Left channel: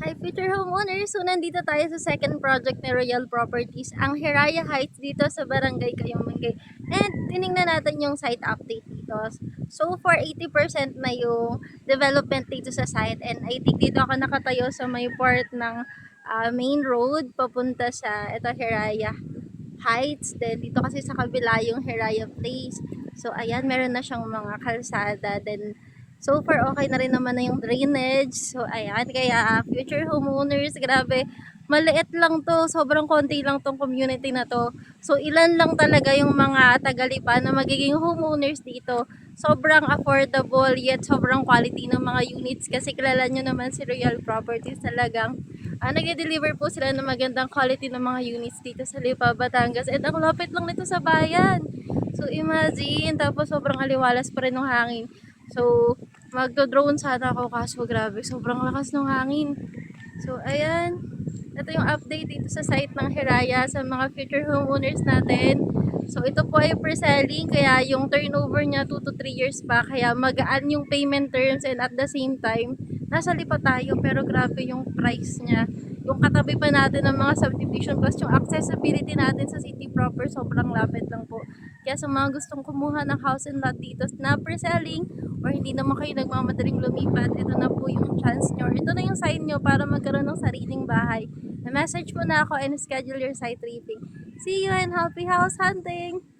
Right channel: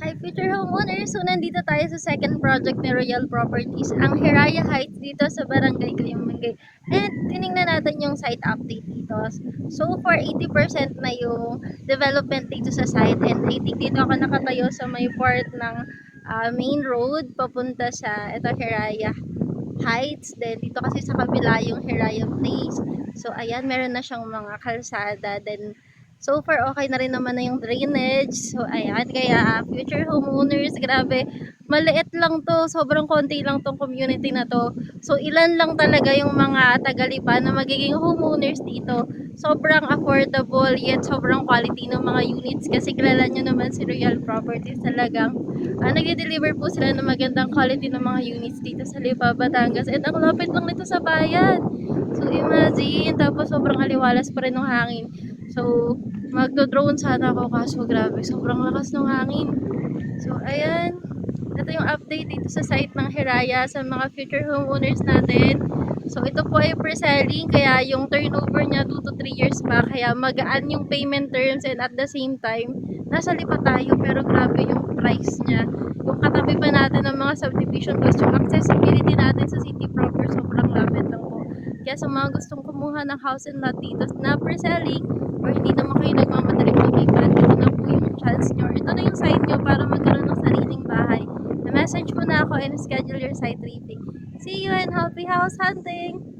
Hi future homeowners! So nandito tayo sa second project ni Royal Properties, ang Hiraya Heights dito sa Barangay Kayumengay. And tiningnan natin yung site update dito. So for 80% na yung development dito sa site, and I think dito ako nakatayo sa may part ng main road papunta sa ito Hiraya Heights. Then dito kasi sa kabila yung Hiraya Place. So ayan, meron na siyang mga kalsada. Then so far okay na rin naman na yung drainage. So ayan, kaya future homeowners, grabe, maliit lang to, sobrang konti lang tong community na to. So ilan lang talaga yung mga tagalipa na magiging homeowners dito. Sobrang affordable yet sobrang quality ng mga units kasi kilala nyo naman si Royal Properties, talagang nagde-deliver po sila ng magandang quality ng mga units dito sa Lipa, Batangas. And ang lapit lang nito sa bayan. So imagine, tapos sobrang aliwalas pa rin ng hangin. So magdo-drone sana ako kaso grabe, sobrang lakas ng hangin. So ayan, ito yung update dito sa site ng Hiraya sa mga future homeowners natin. So ito po ay pre-selling, kaya yung turnover niya 2 to 3 years pa, kaya magaan yung payment terms, and at the same time nasa lipa tayo pero grabe yung price niya. Yung katabi pa natin ng mga subdivision plus yung accessibility natin sa city proper, sobrang lapit lang po. Kaya sa mga gustong kumuha ng house and lot dito na pre-selling, or hindi naman kayo nagmamadaling lumipat, ito na po yung chance nyo, or ito na yung sign nyo para magkaroon ng sariling bahay. Na-message mo na ako and schedule your site tripping. See you and happy house hunting!